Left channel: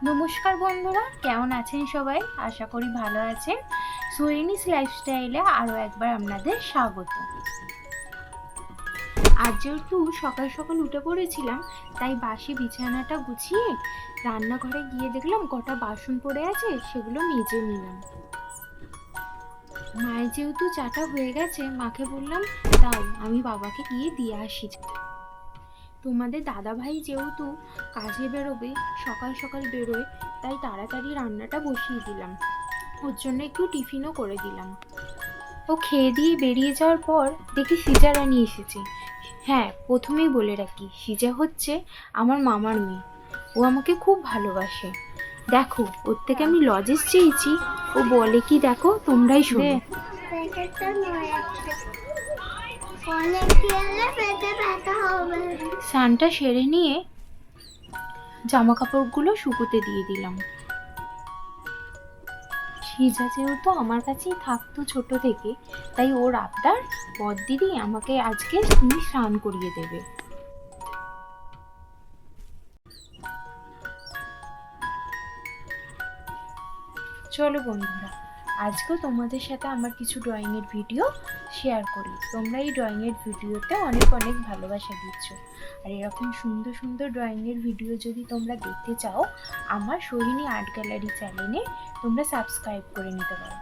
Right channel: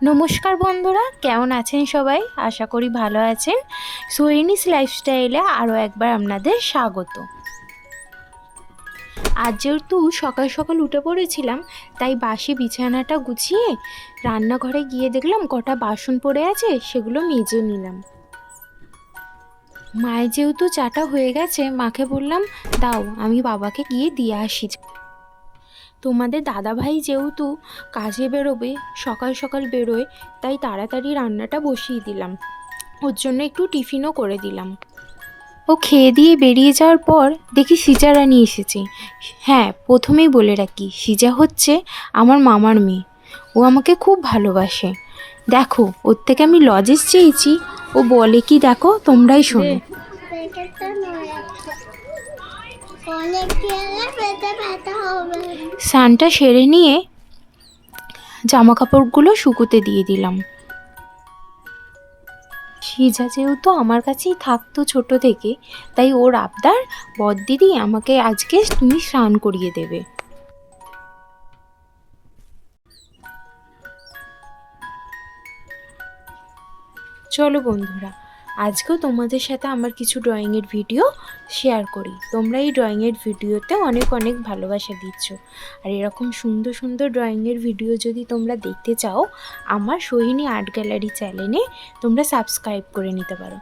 নমস্কার বন্ধুরা, কেমন আছেন সবাই? আশা করি ভালো আছেন। সোহিনীস লাইফস্টাইলে আরও একবার আপনাদের স্বাগত। আজ যেহেতু সকাল সকাল উঠে পড়েছিলাম, তাই বাসি বিছানাটা গুছিয়ে রান্নাঘরে গিয়ে দেখলাম কটা বাসন পড়ে আছে, সেগুলো মেজে নিলাম। মায়ের যেহেতু চাটা হয়ে গেছে, মাকে বললাম দাও আমি বাবাকে গিয়ে দিয়ে আসি। তোমাদের দাদাভাই যেহেতু কাজে বেরোবে, সকাল সকাল বেরোয়, তাই তাড়াতাড়ি রান্নাটা বসিয়ে দিলাম। ওর জন্য একটু টিফিনও করে দিলাম। ও খেয়ে দিয়ে বেরিয়ে যাওয়ার পর দেখি সিজা রানী এসেছে। হ্যাঁ, প্রথমেই বলে রাখি, সিজা হচ্ছে আমার মামার মেয়ে। ও আমাকে খুব ভালোবাসে। দেখো, ওর থেকে আমি লজেস চেয়েছি, ও বলে কি দেখো, তোমরাই শোনো। স্নানটা সেরে নিয়ে জামা কাপড়গুলো শুকোতে দিয়ে দিলাম। সিজা যেহেতু আমার কাছেই থাকতো ছোট থেকে, তাই ওর আবদার, বড়দিদি আমাকে আজকে তুমি স্নান করিয়ে দেবে। চলো বন্ধুরা, আজকেও তোমাদের সাথে আমার কিছু ড্রয়িংয়ের ভিডিও শেয়ার করি। তোমরা এই ড্রয়িংয়ের ভিডিওতে অনেক অনেক ভালোবাসা দিচ্ছ, আর এরকম সুন্দর সুন্দর ড্রয়িংয়ের ভিডিও যদি তোমরা দেখতে চাও, আমার সোহিনী আর্ট গ্যালারি চ্যানেলে তোমরা সাবস্ক্রাইব করে নিতে পারো।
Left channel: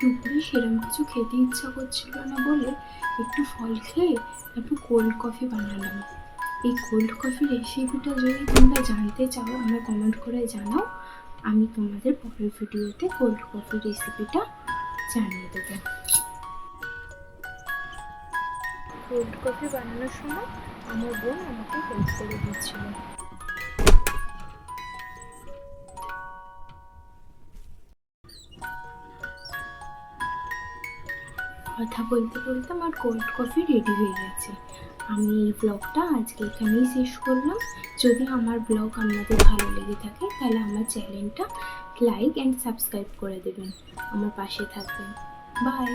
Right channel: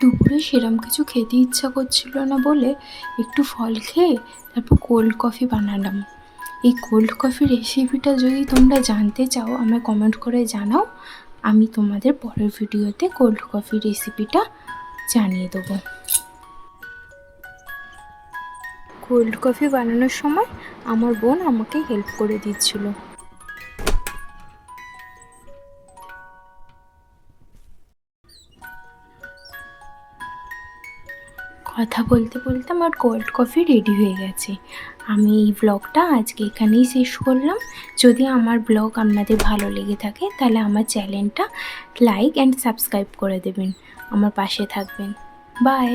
দুপুরে সেরম কিছু খেতে ইচ্ছা করছিল না বলে একটু ফল খেয়ে তারপর কোল্ড কফি বানালাম। এই কোল্ড কফি রেসিপিটা যদি তোমরা জানতে চাও, আমায় কমেন্ট করে জানাও। আমি তোমাদের পরের ভিডিওতে কোল্ড কফি রেসিপিটা জানিয়ে দেবো। কোল্ড কফি বানানোর সময় আমার বোন আমাকে হেল্প করে দিচ্ছিল। কথা বলতে বলতে আমার কোল্ড কফি রেডি হয়ে গেছে। আমি এই ব্লগটা আজকে এখানেই শেষ করলাম। যদি আমার ব্লগ আপনাদের ভালো লেগে থাকে, তাহলে আমার চ্যানেলটা লাইক অ্যান্ড সাবস্ক্রাইব করে দেবেন, আমার পাশে থাকবেন। বাই।